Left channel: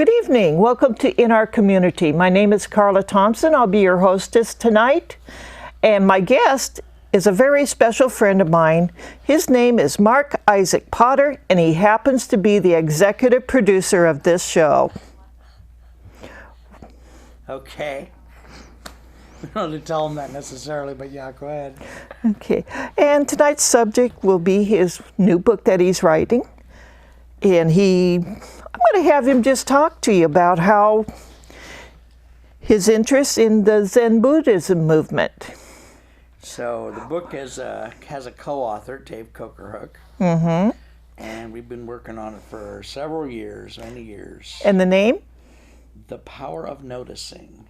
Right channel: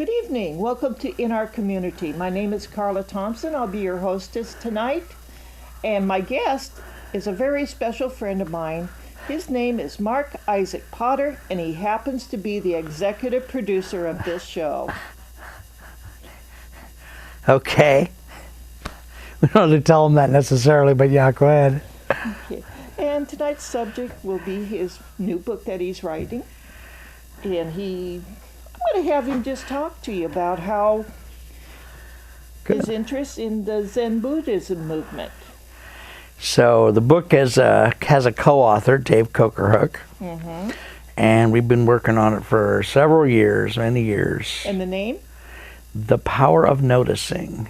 Good evening. Welcome to In Our Community. My name is Carla Thompson. I'll be your hostess tonight. And my guest is a very special friend of mine. His name is Marc Isaac Potter, and he happens to be the executive producer of this show. Okay. We don't have to tell him that necessarily, but yeah, go ahead. Okay. And tonight's subject will be his new book that he's writing. And I'm going to have him just talk to you about how his interest in the Zen Buddhism movement. So the book has a co-author, Dave Cokerhook, and we've been working on it for several years, many years. And the name? The Power of Noticing.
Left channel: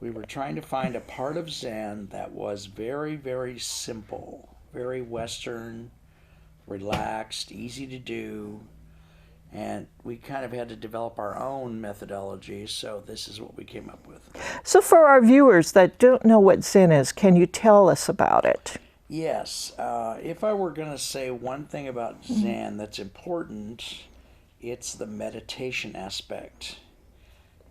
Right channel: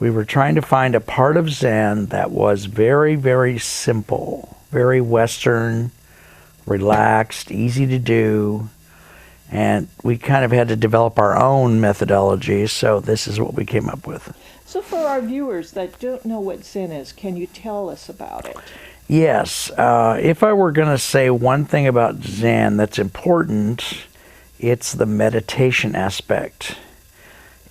We were trying to find a part of Zen that was very, very simple, very Western, relaxed, easy to do, and we kind of had to develop our own methodology, so this is what we came up with. So for our viewers that don't know what Zen is, can you tell us about it? Yes. If I were going to say one thing about Zen that's important, it's the meditation aspect.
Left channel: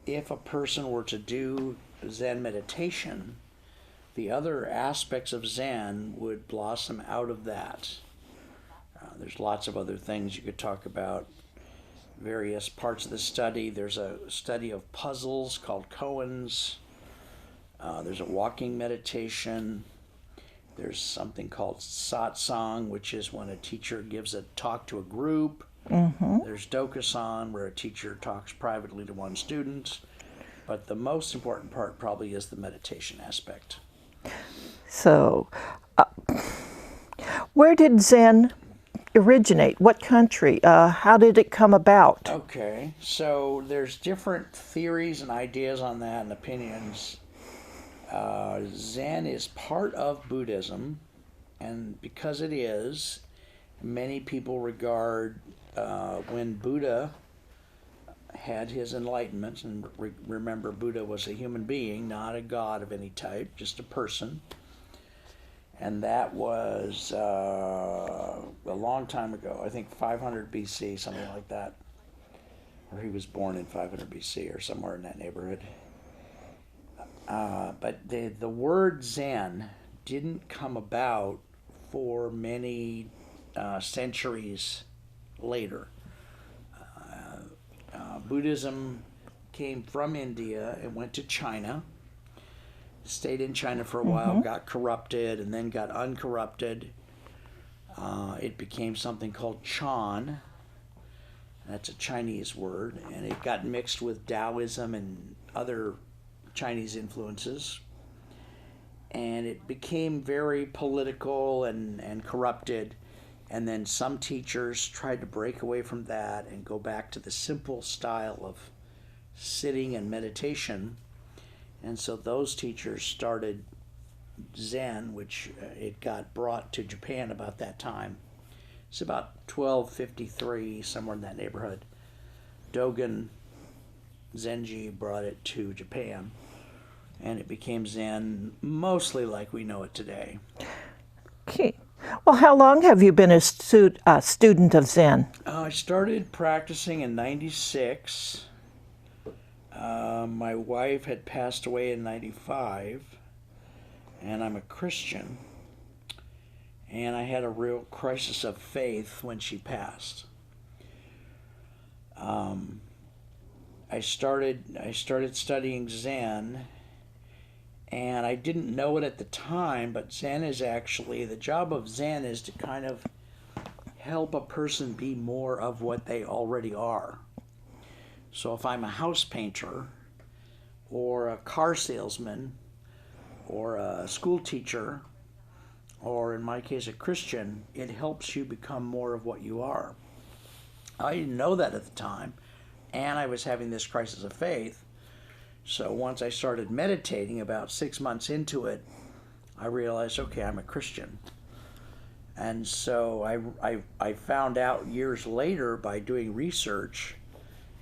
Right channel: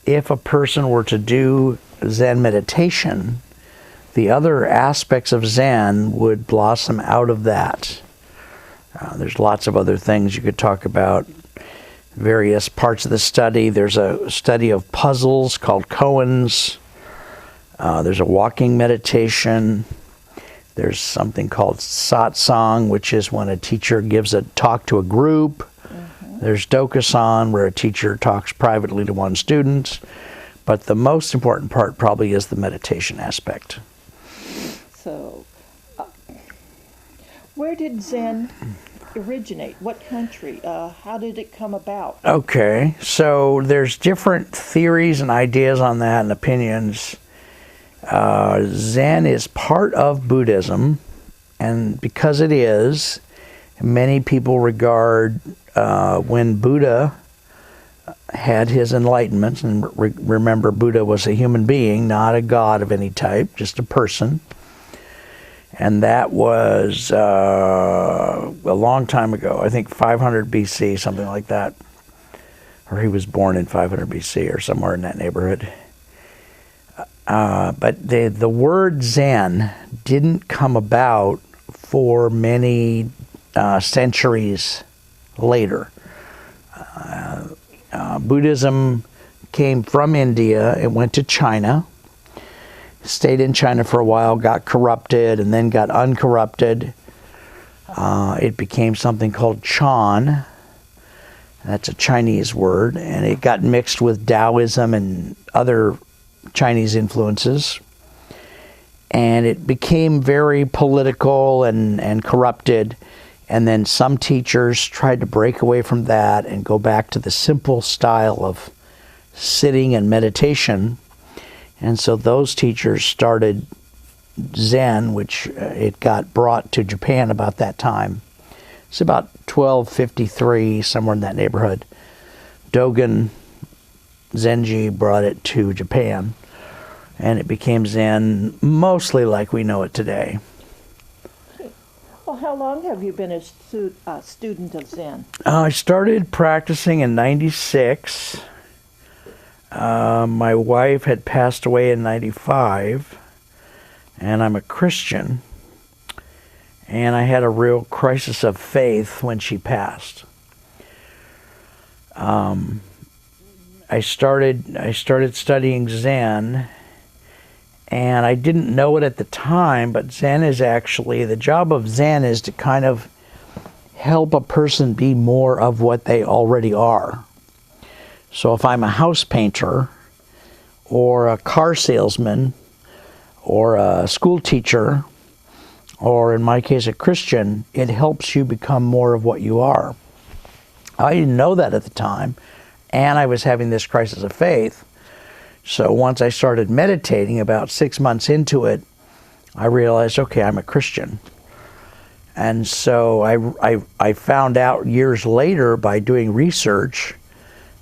If a person were to do Zen meditation, the other aspects of Zen would blossom out of that. There's lots of other things you could talk about. Various parts of the study. There's a study of puzzles called koans. There's a walking meditation. There's something called satsang, which is when a teacher gives a talk to a group. There's dokusan, where a teacher talks privately to one student. But the most important part probably is the meditation aspect. So, where did Zen originate? What country? How did it come about? Okay, so there's different theories and ideas on that and opinions. Zen is part of Buddhism, and because it is, many people regard when Buddha had his enlightenment, and remember Buddha was a human being, not a god of any type, just a person. And that was a long time ago, I think 500 BC, something like that. Or he was born in 500 BC or somewhere in that neighborhood. But the word Zen didn't come about for many centuries later. Buddhism came from India, it went to China, stayed in China for a while, got corrupted, and then got uncorrupted. It became something called Chan. That's a Chinese word, and it got mixed with Taoism and other Chinese influences. And it became very political and corrupted. And then some teachers tried to break away from that and go back to the simple style of sitting and meditation. And so those teachers started Zen, which it got brought to Japan about that time. It's about 1253, somewhere in that neighborhood. Dogen Zenji brought it to Japan, and it became Zen mostly like we know it today. Okay. Well, how long have you been a student of Zen? I started practicing in '96. My wife had passed away in '95, and I'm a Christian, and I had a real crisis of faith when she passed. I started studying Zen, and I didn't know it at the time, but Zen is actually, the job of Zen is to kind of help a person be more of what they already are. So if I'm a house painter, or a car salesman, or a school teacher, or in my case a Christian, it helps you become more of what you are. I didn't know that at the time, and I was having this crisis of faith. So once I started meditating, about 6 months into it, I realized, okay, I'm a Christian. And so I found out years later by doing research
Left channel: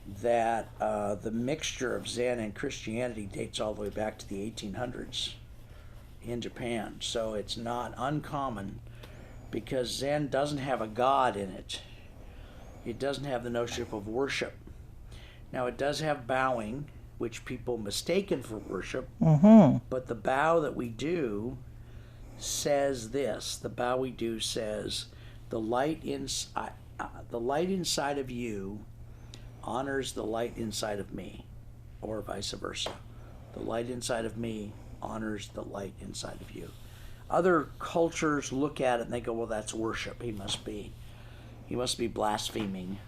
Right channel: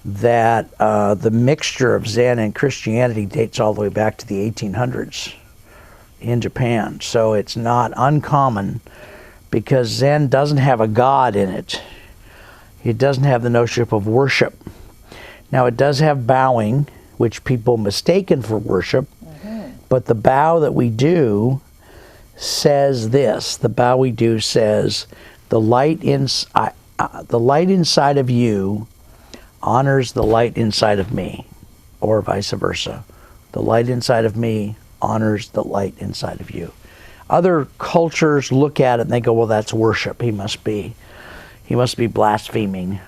that the mixture of Zen and Christianity dates all the way back to the 1800s in Japan. So it's not uncommon, because Zen doesn't have a god in it. It doesn't have the notion of worship. Now it does have bowing, which people mistaken for worship, but the bow that we do says this. The bow we do says, the light inside of you honors the light inside of me, or vice versa. The light inside of me honors the light inside of you. Other cultures look at it and they go, well, that's worship. He must be blaspheming.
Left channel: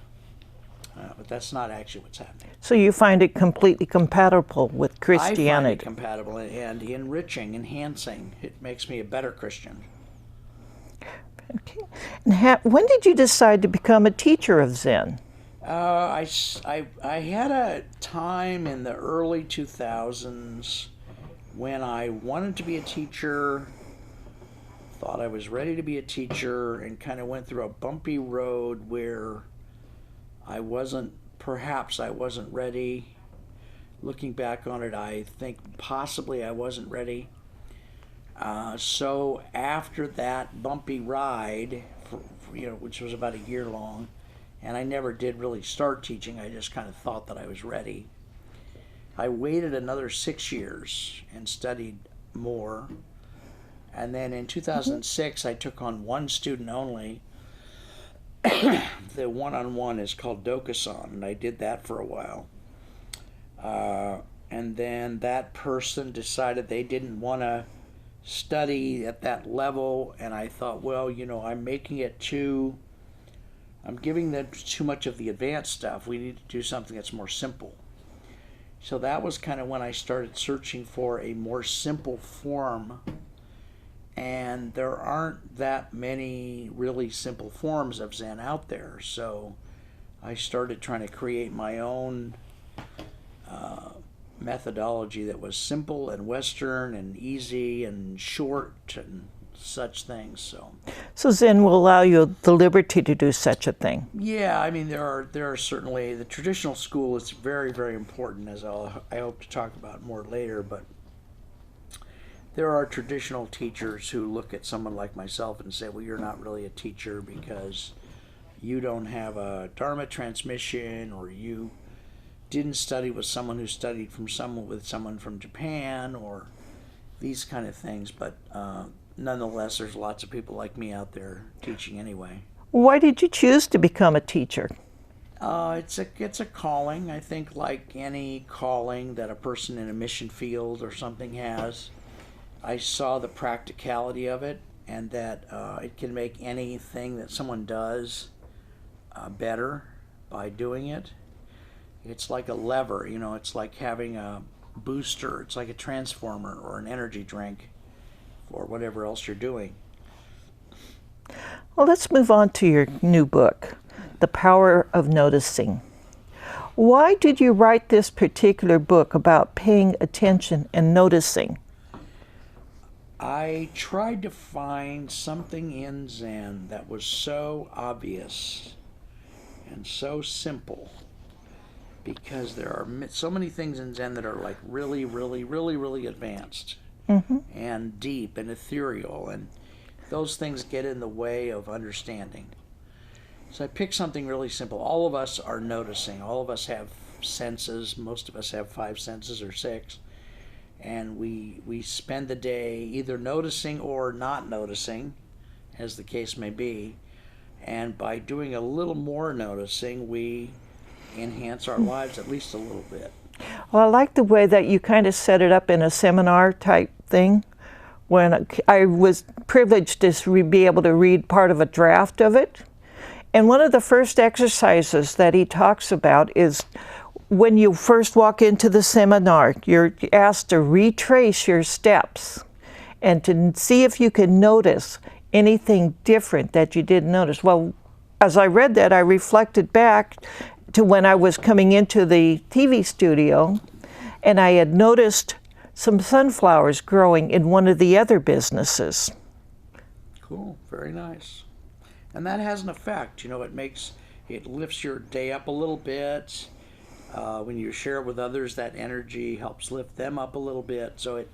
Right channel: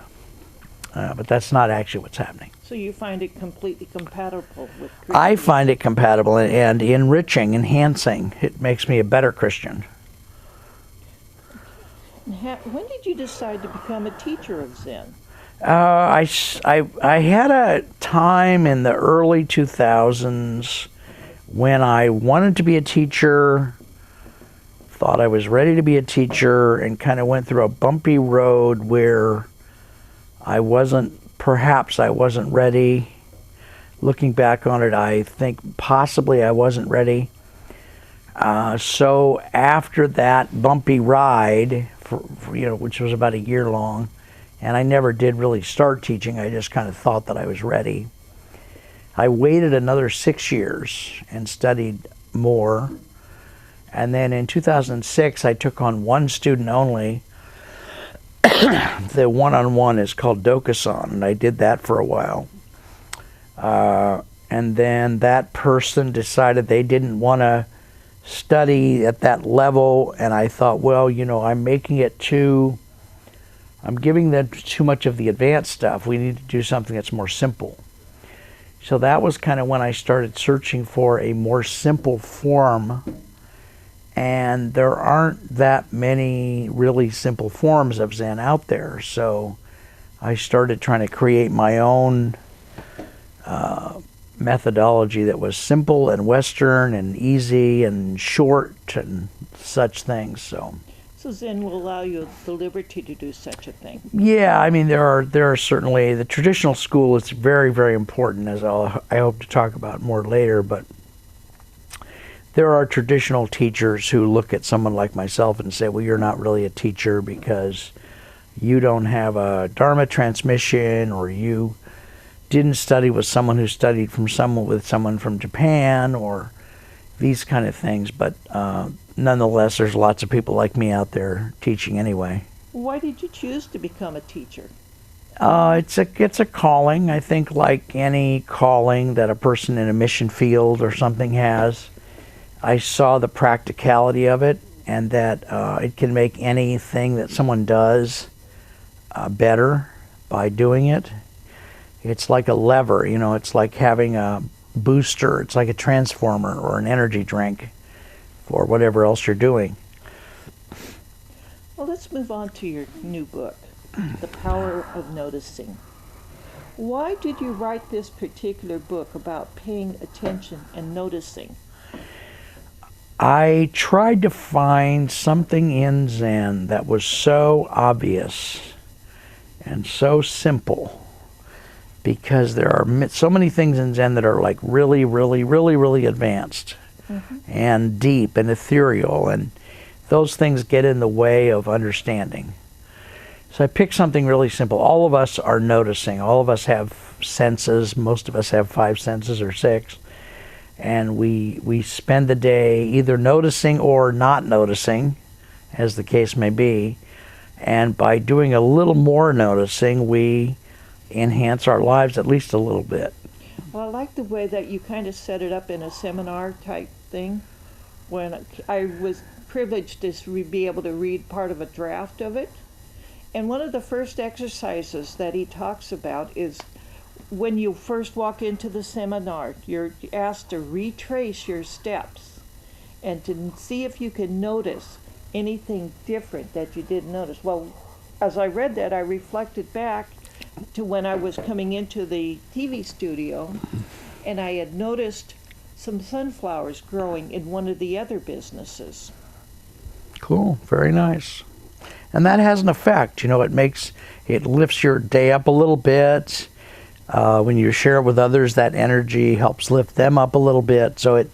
But that's not actually what's happening. So you find it completely compatible with Christianity? I find it compatible and enriching, enhancing. It makes me a better Christian. And when did you decide to become a teacher of Zen? I had a time in the early 2000s when I wanted to be a teacher, thought I was ready to be a teacher, and kind of went through a bumpy road where perhaps I wasn't ready. Looking back on it, I think possibly I wasn't ready. So after that bumpy ride, which was about a year long, and I never did really start teaching, I just kind of thought that I was ready. I waited another 6 years and studied more. And then in 2006, I took on one student only. The one-on-one is called Dokusan, and I did that for a while. And then that person decided they didn't want to study at that level, and I thought, well, I'm giving them too much of the advanced stuff. We need to do something that's more simple. So that was kind of when I started searching for a more simple form, and there aren't that many really simple forms of Zen out there. So I started trying to create my own methodology that was simple and Western and easy and short and such things. So Zen will allow you the liberty to do such a thing. Yeah, I mean there are certainly the traditional school is very, very important, as I hope to talk about more later. But there are traditional teachers who look at someone like myself and say, well, you're not really a teacher because you don't have a Dharma transmission, or you didn't study with someone who studied with someone from Japan, or these kind of things. But nonetheless, there's lots of people like me out there teaching anyway. Why did you choose to become a teacher? It's a calling. I think like any calling that a person in a mission field or something has. I saw the practicality of it, and that it can make anything that someone does better by doing it. It's like a lever, it's like having a booster. It's like a transformer or an energy drink for whatever else you're doing. Well, let's move on to your new book, The Power of Noticing. Why did you write this particular book about paying attention and noticing? I tried to find something in Zen that was so obvious and so simple, because there are so many things in Zen that are like really, really, really, really advanced and deep and ethereal, and those things get in the way of understanding. So I picked something really simple. All of us are noticing. All of us have senses. Most of us have 5 senses or 6. And we spend the day either noticing or not noticing, as the case may be. And by doing a little more noticing, we enhance our lives at least a little bit. Well, I like the way that you kind of set it up in a seminar type thing. When I was privileged to be able to read part of a draft of it. And one of the first exercises that he talks about is when you first walk into the seminar, you're asked to retrace your steps and to see if you can notice anything different that you didn't notice. Well, as I read that, I reflected back to when I was coming into the TV studio, and I had noticed some sunflowers growing in one of the other businesses. Cool, very nice. And that has an effect, it lifts your day up a little bit. When you share it with others, that energy helps lift them up a little bit. So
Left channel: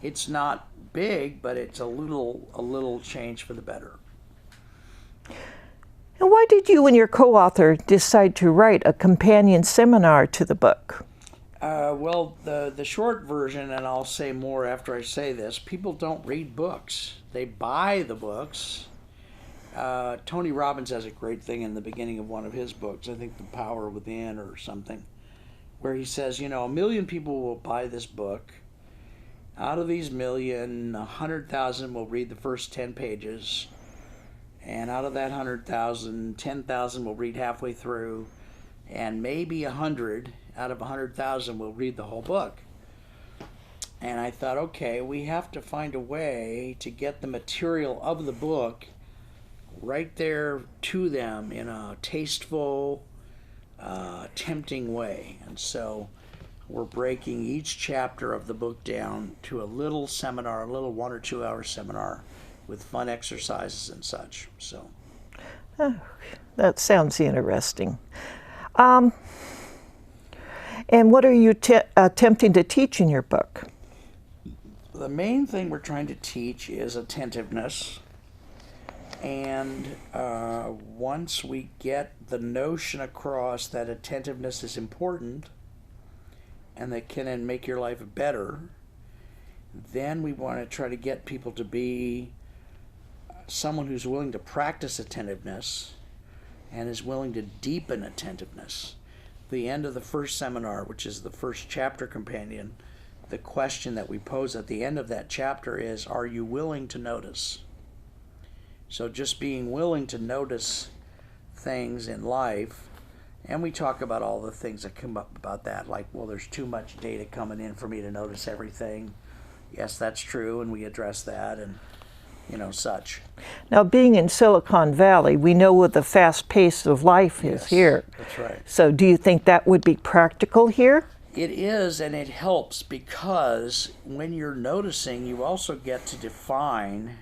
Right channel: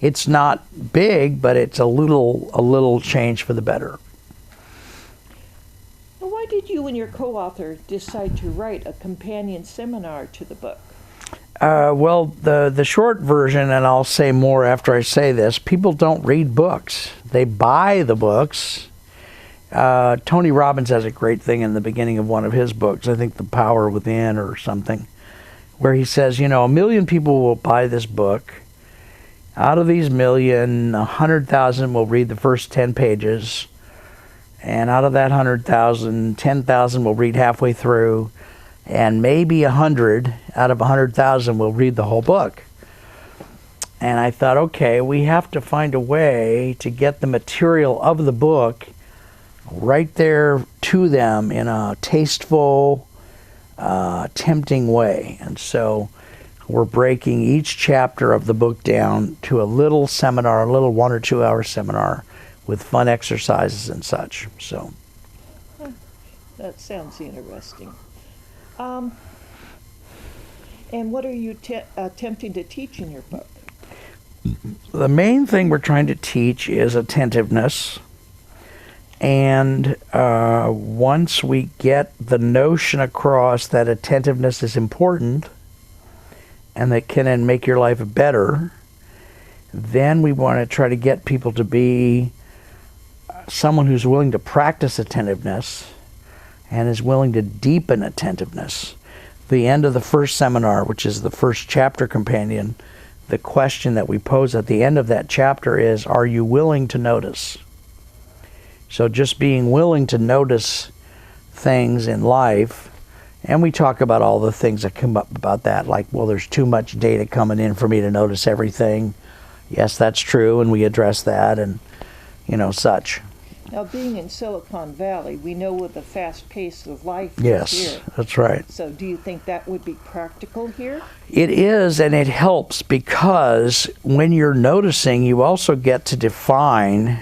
it's not big, but it's a little change for the better. And why did you and your co-author decide to write a companion seminar to the book? Well, the short version, and I'll say more after I say this, people don't read books. They buy the books. Tony Robbins has a great thing in the beginning of one of his books, I think The Power Within or something, where he says, 1 million people will buy this book. Out of these million, 100,000 will read the first 10 pages. And out of that 100,000, 10,000 will read halfway through. And maybe 100 out of 100,000 will read the whole book. And I thought, okay, we have to find a way to get the material of the book right there to them in a tasteful, tempting way. And so we're breaking each chapter of the book down to a little seminar, a little 1 or 2 hour seminar with fun exercises and such. So that sounds interesting. And what are you attempting to teach in your book? The main thing we're trying to teach is attentiveness. And once we get the notion across that attentiveness is important and that can make your life better, then we want to try to get people to be someone who's willing to practice attentiveness and is willing to deepen attentiveness. The end of the first seminar, which is the first chapter companion, the question that we pose at the end of that chapter is, are you willing to notice? So just being willing to notice things in life, and we talk about all the things that come up about that, like, well, there's too much data coming in for me to notice everything. Yes, that's true, and we address that, and such. Now, being in Silicon Valley, we know what the fast pace of life is here. Yes, that's right. So do you think that would be practical here? It is, and it helps because when you're noticing, you also get to define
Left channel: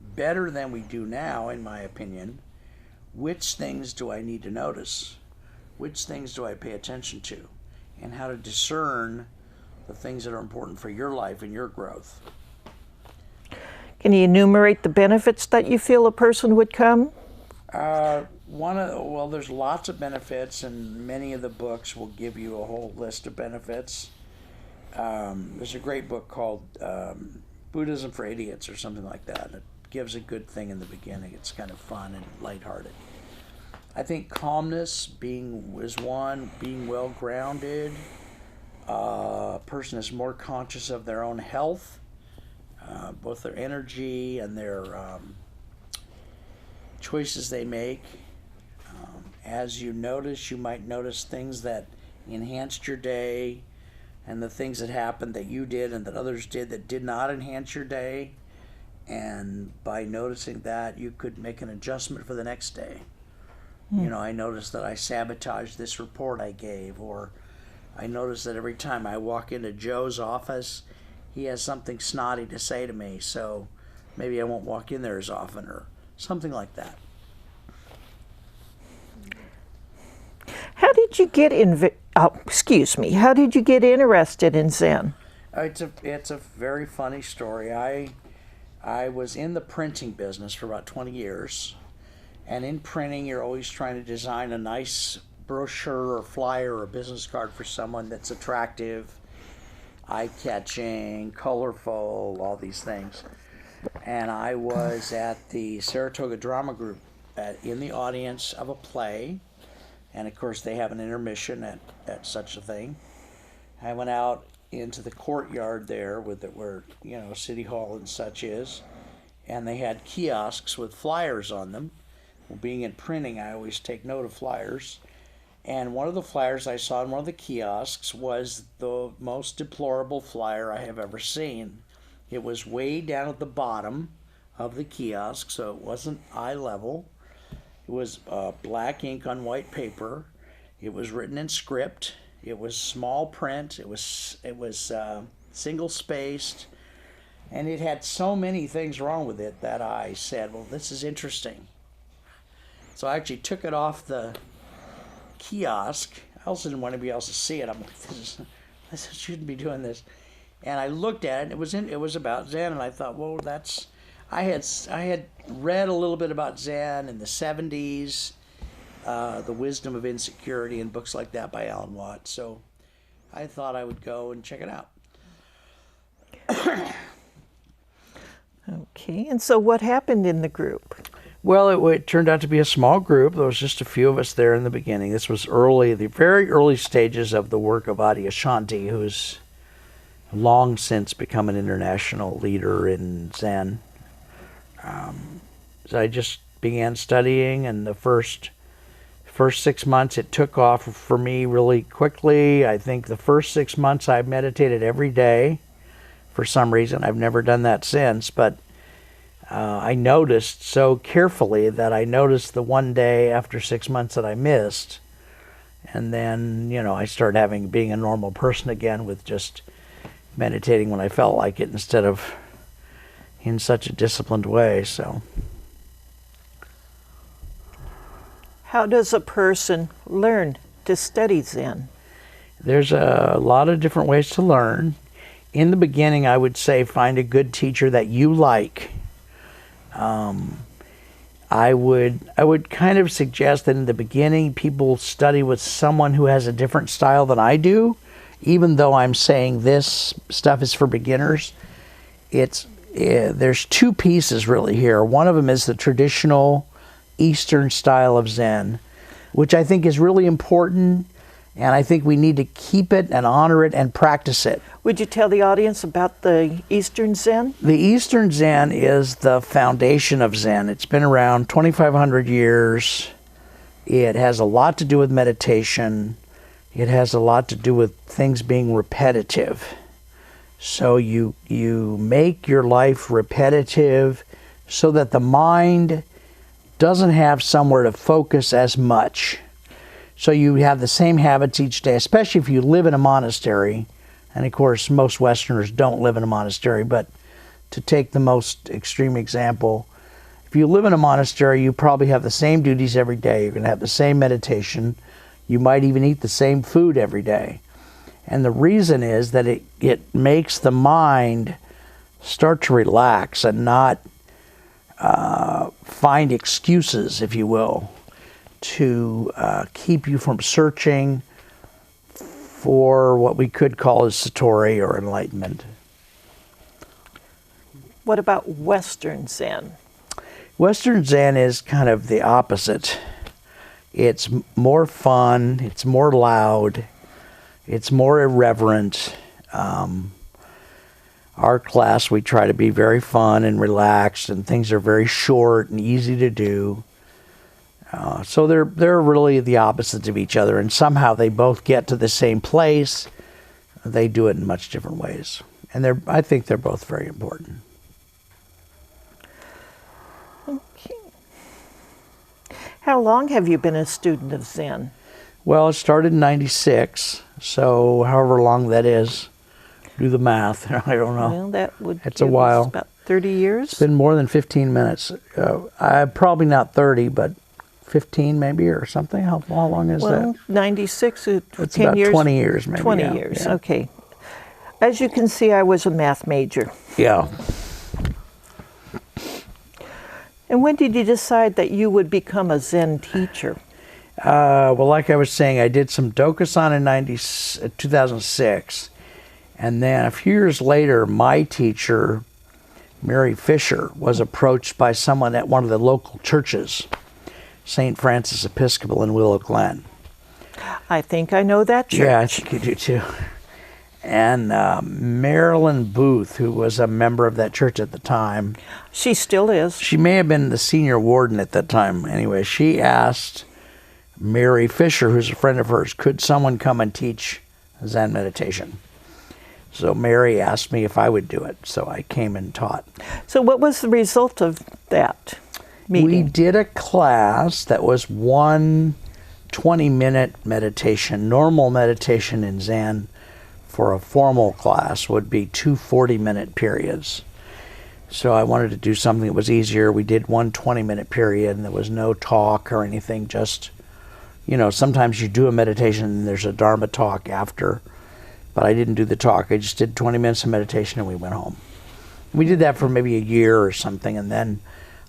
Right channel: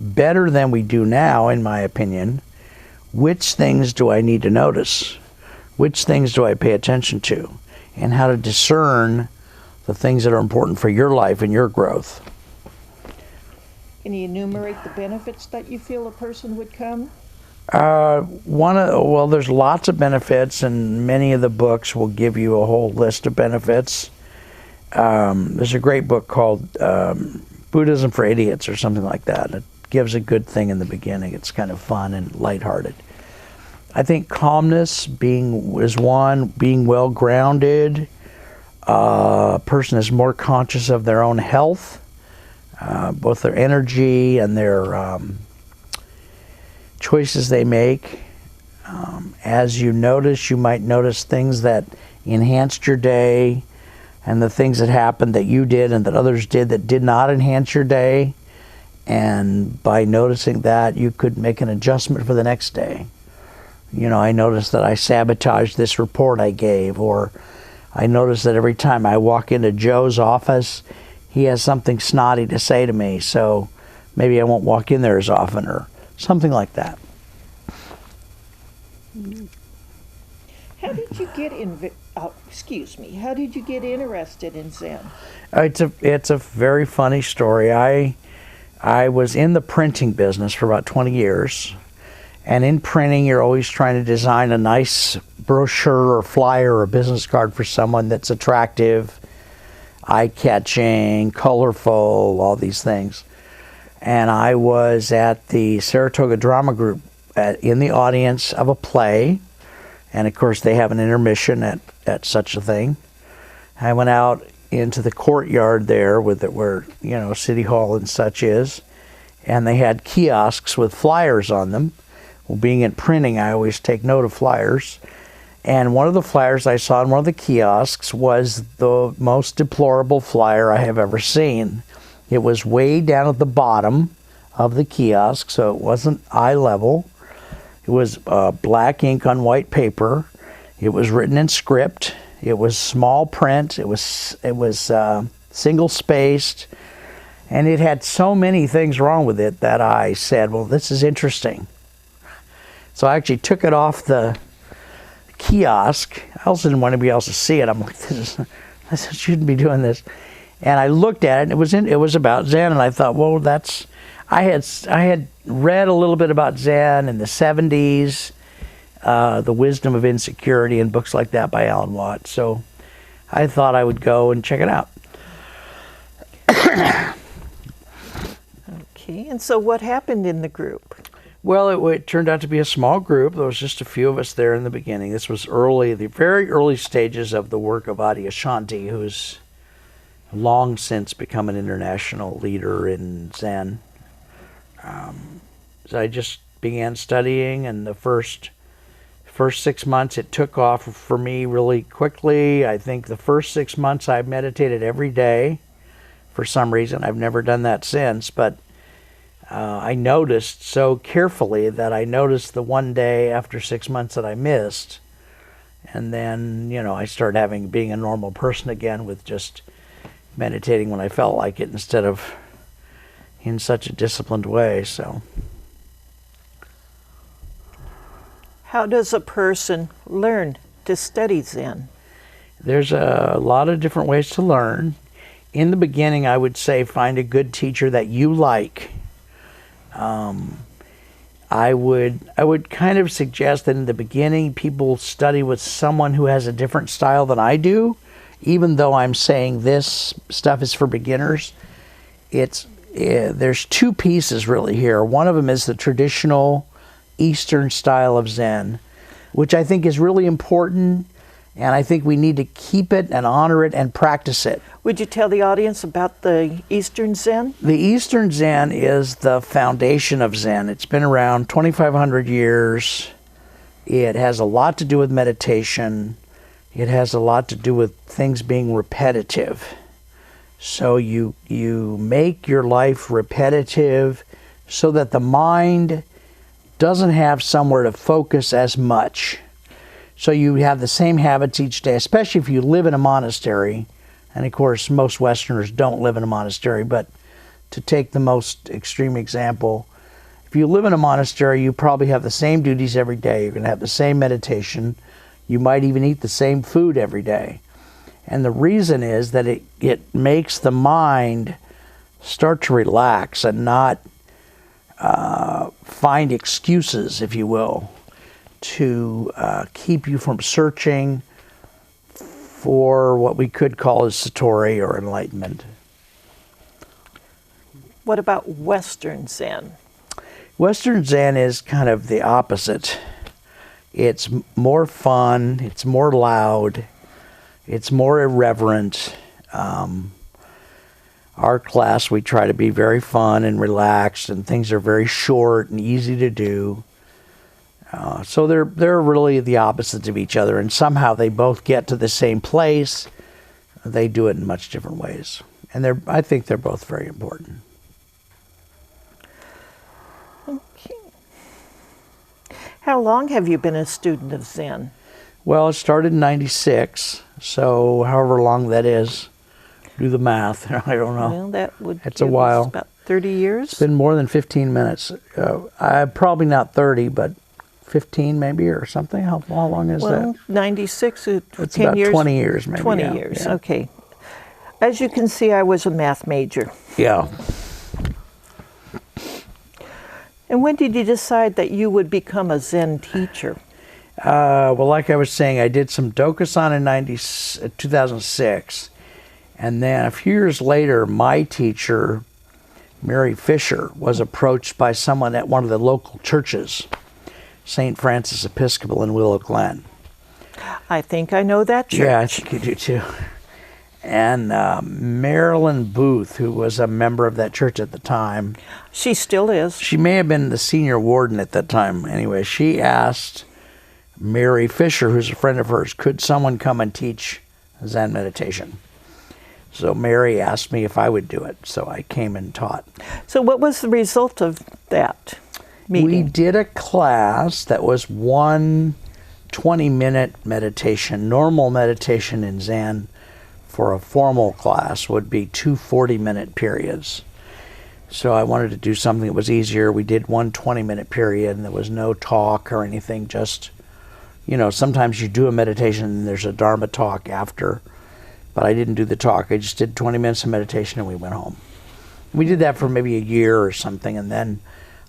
better than we do now, in my opinion, which things do I need to notice? Which things do I pay attention to? And how to discern the things that are important for your life and your growth. Can you enumerate the benefits that you feel a person would come? Well, there's lots of benefits, and many of the books will give you a whole list of benefits. There's a great book called Buddhism for Idiots or something like that. It gives a good thing in the beginning. It's kind of fun and lighthearted. I think calmness is one, being well grounded. A person is more conscious of their own health, both their energy and their choices they make. As you notice, you might notice things that enhanced your day and the things that happened that you did and that others did that did not enhance your day. And by noticing that, you could make an adjustment for the next day. I noticed that I sabotaged this report I gave, or I noticed that every time I walk into Joe's office, he has something snotty to say to me, so maybe I won't walk in there as often, or something like that. How did you get How did you get interested in Zen? It's a very funny story. I was in the printing business for about 20 years. And in printing, you're always trying to design a nice brochure or flyer or business card for someone that's attractive, eye-catching, colorful, all these things. And I was at the Saratoga Drama Group in the audience of a play. And of course, they have an intermission at such a thing. I went out into the courtyard there where City Hall and such is. And they had kiosks with flyers on them. Well, being in printing, I always take note of flyers. And one of the flyers I saw in one of the kiosks was the most deplorable flyer I have ever seen. It was way down at the bottom of the kiosk, so it wasn't eye level. It was black ink on white paper. It was written in script. It was small print. It was single spaced. And it had so many things wrong with it that I said, well, this is interesting. So I actually took it off the kiosk. I also didn't want anybody else to see it. I'm like, I shouldn't be doing this. And I looked at it, and it was about Zen, and I thought, well, I had read a little bit about Zen in the 70s, The Wisdom of Insecurity and books like that by Alan Watts. So I thought I would go and check it out. Okay, and so what happened in the group? Well, it turned out to be a small group. There was just a few of us there in the beginning. This was the very early stages of the work of Adyashanti, who's long since become an international leader in Zen. So I just began studying, and the first 6 months it took off for me really quickly. I think the first 6 months I meditated every day for some reason. I've never done that since, but I noticed so carefully that I noticed the one day after 6 months that I missed. And then, I started being a normal person again with just meditating when I felt like it instead of in such a disciplined way. So, how does a person learn to study Zen? There's a lot of different ways to learn. In the beginning, I would say find a good teacher that you like. I would kind of suggest that in the beginning people study with someone who has a different style than I do, even though I'm saying this stuff is for beginners. There's two pieces really here. One of them is the traditional Eastern style of Zen, which I think is really important, and I think we need to keep it and honor it and practice it. Would you tell the audience about the Eastern Zen? The Eastern Zen is the foundation of Zen. It's been around 2,500 years. It has a lot to do with meditation. It has a lot to do with things being repetitive. So you make your life repetitive so that the mind doesn't have somewhere to focus as much. So you have the same habits each day, especially if you live in a monastery. And of course, most Westerners don't live in a monastery, but to take the most extreme example, if you live in a monastery, you probably have the same duties every day. You're going to have the same meditation. You might even eat the same food every day. And the reason is that it makes the mind start to relax and not find excuses, if you will, to keep you from searching for what we could call as satori or enlightenment. What about Western Zen? Western Zen is kind of the opposite. It's more fun, it's more loud, it's more irreverent. Our class, we try to be very fun and relaxed, and things are very short and easy to do. So they're really the opposites of each other, and somehow they both get to the same place. They do it in much different ways, and I think they're both very important. Okay. How long have you been a student of Zen? Well, it started in '96, so however long that is, do the math. I don't know. Well, that would It's a while. About 30 years? It's been more than 15 minutes. Probably not 30, but 15 maybe or something. How long is that? 96, It's 10 about years? 20 years maybe. 20 yeah, years, yeah. okay. As you can see, I was a math major. Yeah. And when did you decide that you would become a Zen teacher? Well, like I was saying, I did some Dokusan in 2006. And then a few years later, my teacher, Mary Fisher, was approached by someone at one of the local churches, St. Francis Episcopal in Willow Glen. I think I know that church. Yeah, I think you do too. And Marilyn Booth, who was a member of that church at the time. She still is. She may have been the senior warden at that time. Anyway, she asked Mary Fisher, who's a friend of hers, could someone come and teach Zen meditation? So Mary asked me if I would do it. So I came and taught. So what was the result of that meeting? We did a class that was one 20-minute meditation. Normal meditation in Zen for a formal class would be 2 40-minute periods. So I wanted to do something that was easier. We did one 20-minute period, and there was no talk or anything. Just, sometimes you do a meditation and there's a Dharma talk after. But I didn't do the talk. I just did 20 minutes of meditation and we went home. We did that for maybe a year or something, and then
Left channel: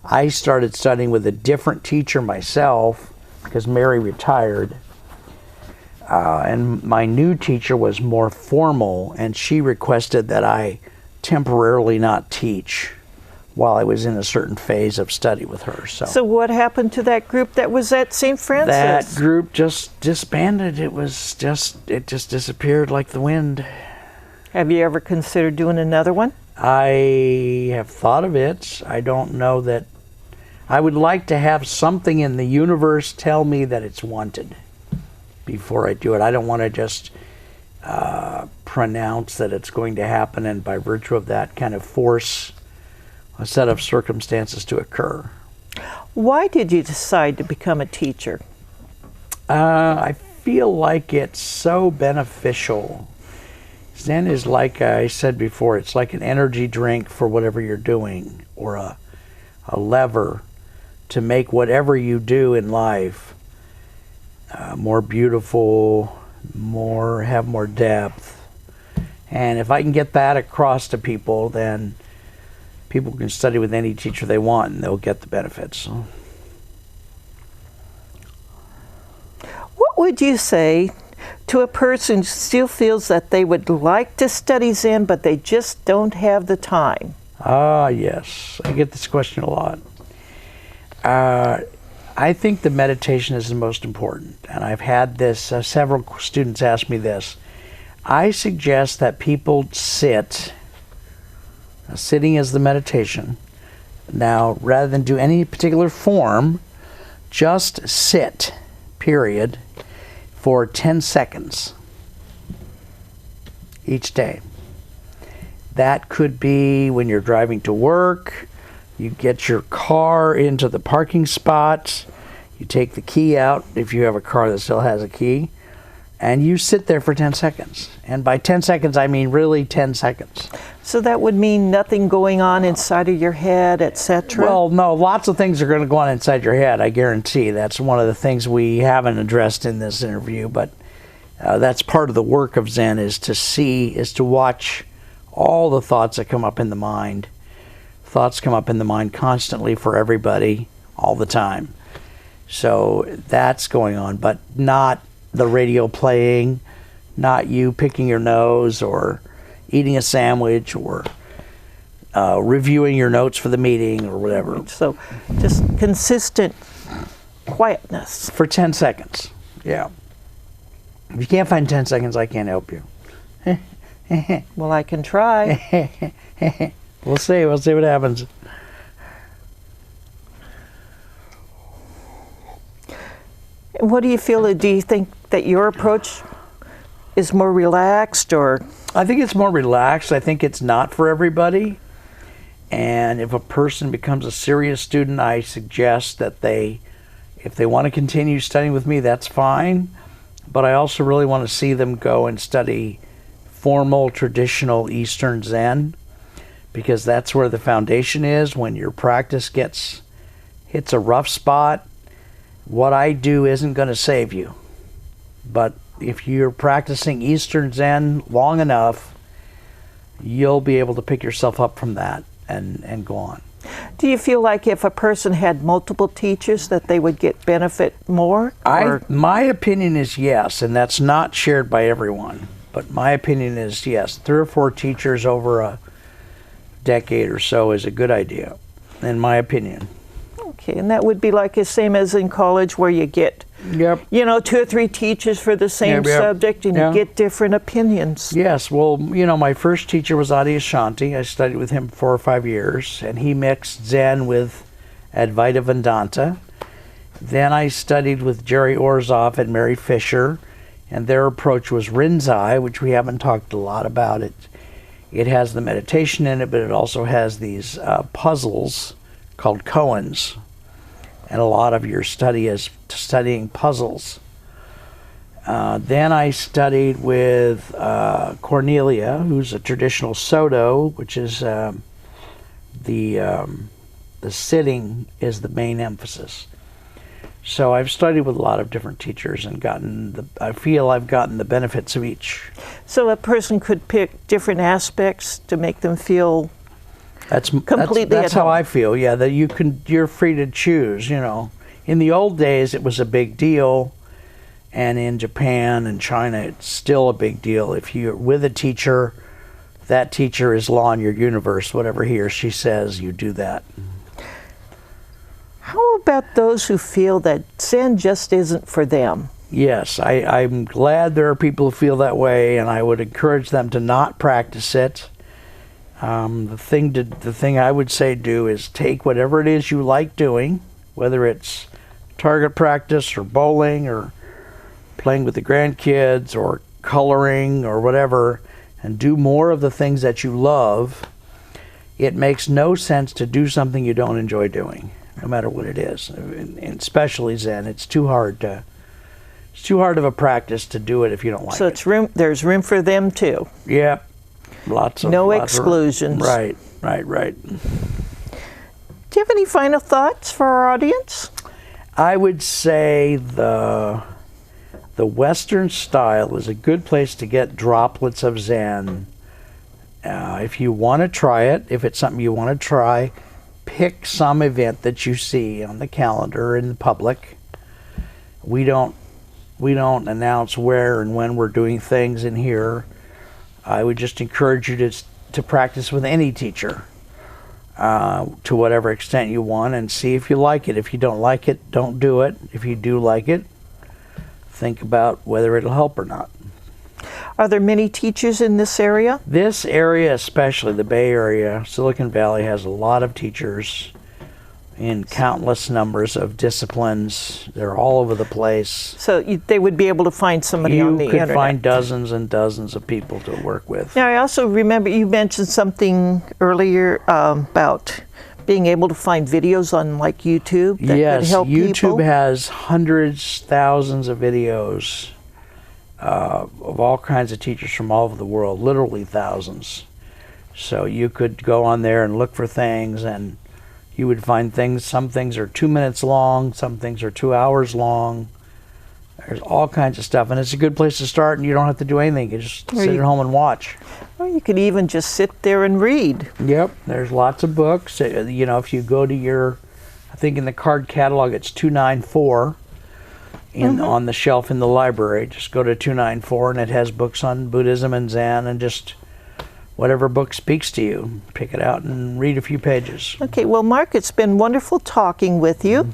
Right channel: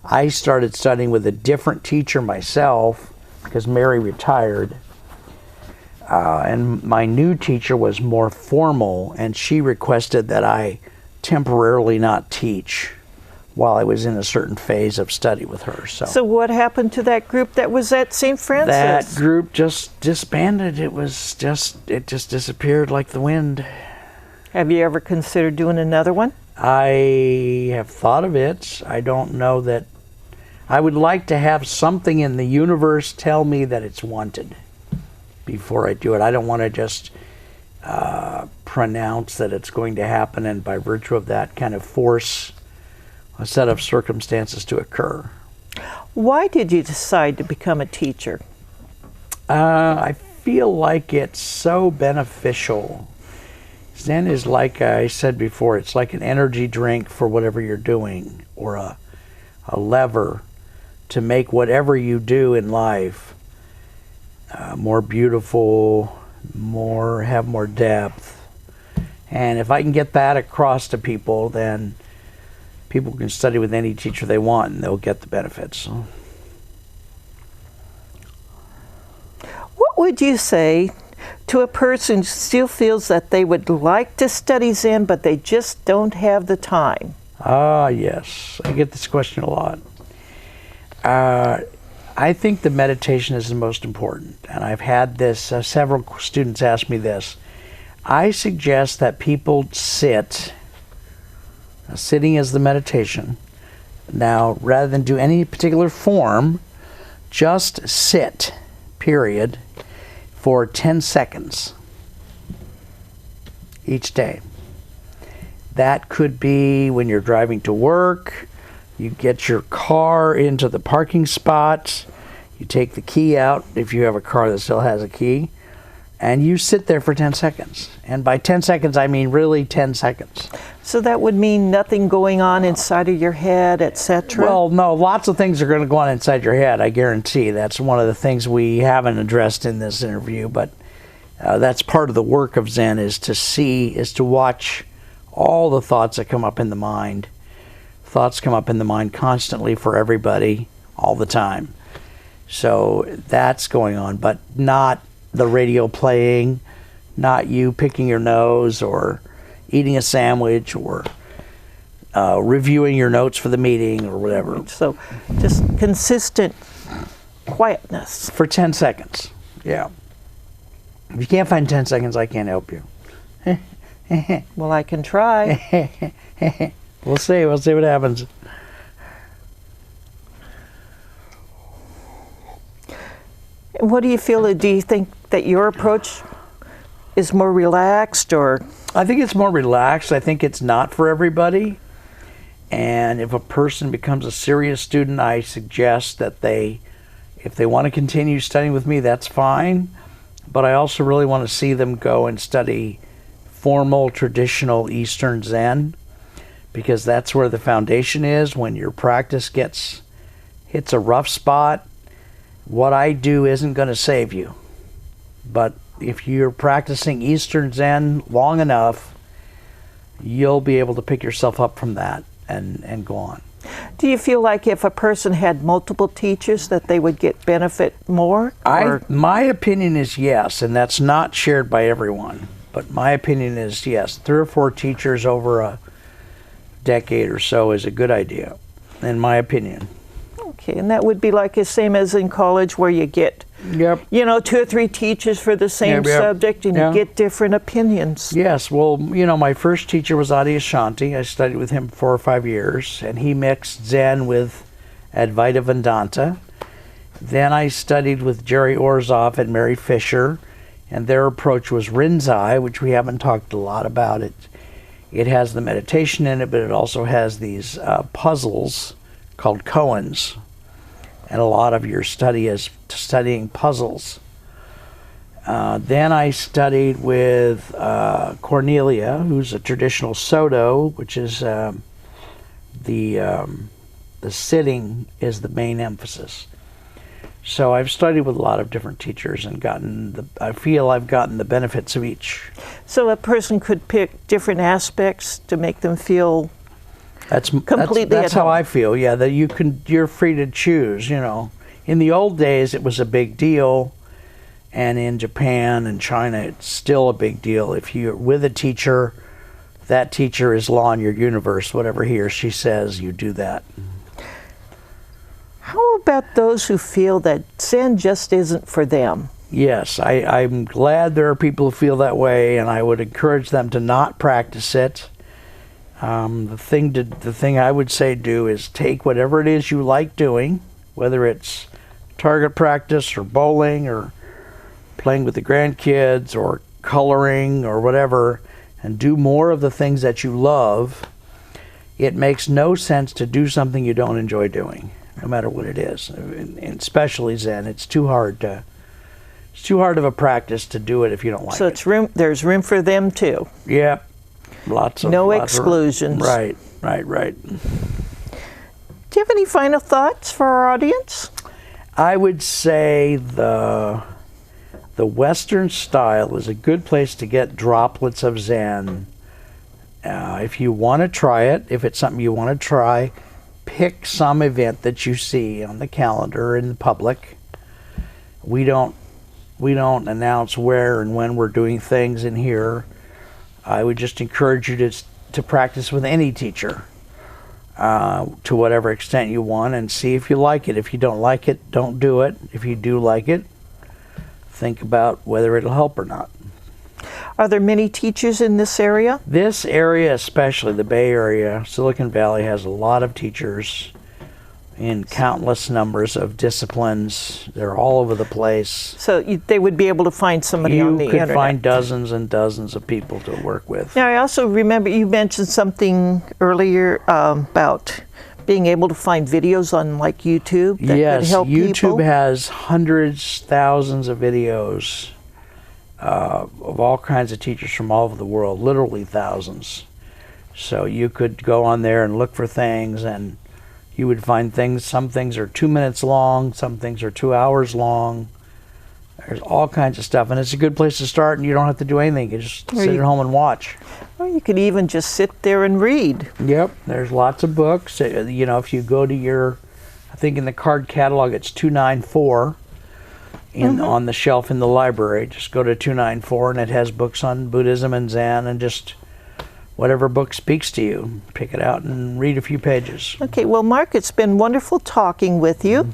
I started studying with a different teacher myself because Mary retired. And my new teacher was more formal, and she requested that I temporarily not teach while I was in a certain phase of study with her. So what happened to that group that was at St. Francis? That group just disbanded. It just disappeared like the wind. Have you ever considered doing another one? I have thought of it. I don't know that. I would like to have something in the universe tell me that it's wanted before I do it. I don't want to just pronounce that it's going to happen and by virtue of that kind of force a set of circumstances to occur. Why did you decide to become a teacher? I feel like it's so beneficial. Zen is, like I said before, it's like an energy drink for whatever you're doing, or a lever to make whatever you do in life more beautiful, have more depth. And if I can get that across to people, then people can study with any teacher they want and they'll get the benefits. What would you say to a person who still feels that they would like to study Zen, but they just don't have the time? Ah, yes. I get this question a lot. I think the meditation is the most important, and I've had this, several students ask me this. I suggest that people sit. Sitting is the meditation. Now, rather than do any particular form, just sit, period, for 10 seconds each day. That could be when you're driving to work, you get your car into the parking spot, you take the key out if you have a car that still has a key, and you sit there for 10 seconds. And by 10 seconds, I mean really 10 seconds. So that would mean nothing going on inside of your head, etc.? Well, no, lots of things are going to go on inside your head, I guarantee. That's one of the things we haven't addressed in this interview, but that's part of the work of Zen, is to watch all the thoughts that come up in the mind. Thoughts come up in the mind constantly for everybody, all the time. So that's going on, but not the radio playing, not you picking your nose or eating a sandwich or reviewing your notes for the meeting or whatever. So just consistent quietness. For 10 seconds, yeah. If you can't find 10 seconds, I can't help you. Well, I can try. We'll see what happens. What do you feel? Do you think that your approach is more relaxed, or? I think it's more relaxed. I think it's not for everybody. And if a person becomes a serious student, I suggest that if they want to continue studying with me, that's fine. But I also really want to see them go and study formal, traditional Eastern Zen, because that's where the foundation is. When your practice hits a rough spot, what I do isn't going to save you. But if you're practicing Eastern Zen long enough, you'll be able to pick yourself up from that and go on. Do you feel like if a person had multiple teachers that they would get benefit more? My opinion is yes, and that's not shared by everyone. But my opinion is yes. 3 or 4 teachers over a decade or so is a good idea, in my opinion. Okay, and that would be like the same as in college, where you get, 2 or 3 teachers for the same subject, and you get different opinions. Yes, well, my first teacher was Adyashanti. I studied with him 4 or 5 years, and he mixed Zen with Advaita Vedanta. Then I studied with Jerry Orzov and Mary Fisher, and their approach was Rinzai, which we haven't talked a lot about. It has the meditation in it, but it also has these puzzles called koans. And a lot of your study is studying puzzles. Then I studied with Cornelia, who's a traditional Soto, which is the sitting is the main emphasis. So I've studied with a lot of different teachers and I feel I've gotten the benefits of each. So a person could pick different aspects to make them feel That's completely that's at how home. I feel. Yeah, that you're free to choose. In the old days, it was a big deal, and in Japan and China, it's still a big deal. If you're with a teacher, that teacher is law in your universe. Whatever he or she says, you do that. How about those who feel that Zen just isn't for them? Yes, I'm glad there are people who feel that way, and I would encourage them to not practice it. The thing I would say do is take whatever it is you like doing, whether it's target practice or bowling or playing with the grandkids or coloring or whatever, and do more of the things that you love. It makes no sense to do something you don't enjoy doing, no matter what it is. And especially Zen, it's too hard of a practice to do it if you don't like it. So there's room for them too. Yep. Lots of exclusions. Right. Do you have any final thoughts for our audience? I would say the Western style is a good place to get droplets of Zen. If you want to try it, if it's something you want to try, pick some event that you see on the calendar in the public. We don't announce where and when we're doing things in here. I would just encourage you to practice with any teacher to whatever extent you want, and see if you like it. If you don't like it, don't do it. If you do like it, think about whether it'll help or not. Are there many teachers in this area? This area, especially the Bay Area, Silicon Valley, has a lot of teachers in countless numbers of disciplines. They're all over the place. So they would be able to find somebody on the internet. You could find dozens and dozens of people to work with. Now, I also remember you mentioned something earlier about being able to find videos on like YouTube that could help people. Yes, YouTube has hundreds, thousands of videos of all kinds of teachers from all over the world, literally thousands. So you could go on there and look for things, and you would find things. Some things are 2 minutes long, some things are 2 hours long. There's all kinds of stuff, and it's a good place to start, and you don't have to do anything. You just sit at home and watch. Or you could even just sit there and read. Yep, there's lots of books. You know, if you go to I think in the card catalog it's 294 on the shelf in the library. Just go to 294, and it has books on Buddhism and Zen, and just whatever book speaks to you, pick it out and read a few pages. Okay, well, Marc, it's been wonderful talking with you.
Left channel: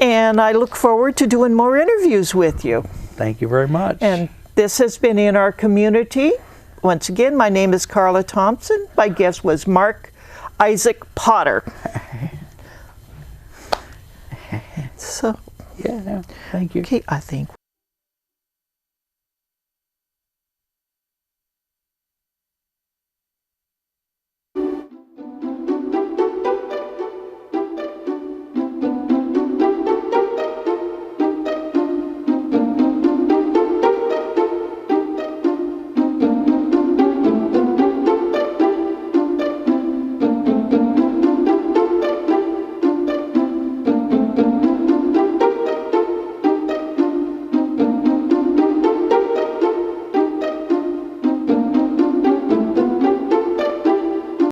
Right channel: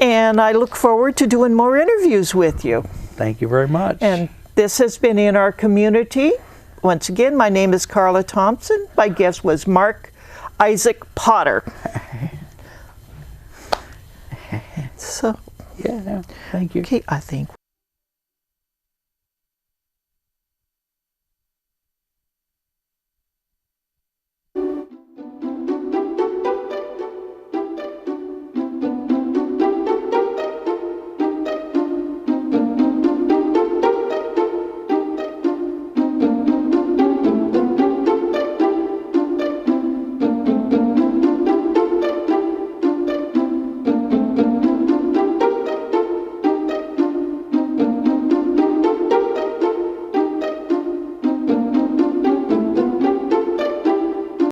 And I look forward to doing more interviews with you. Thank you very much. And this has been In Our Community. Once again, my name is Carla Thompson. My guest was Marc Isaac Potter. So, yeah, thank you. Okay, I think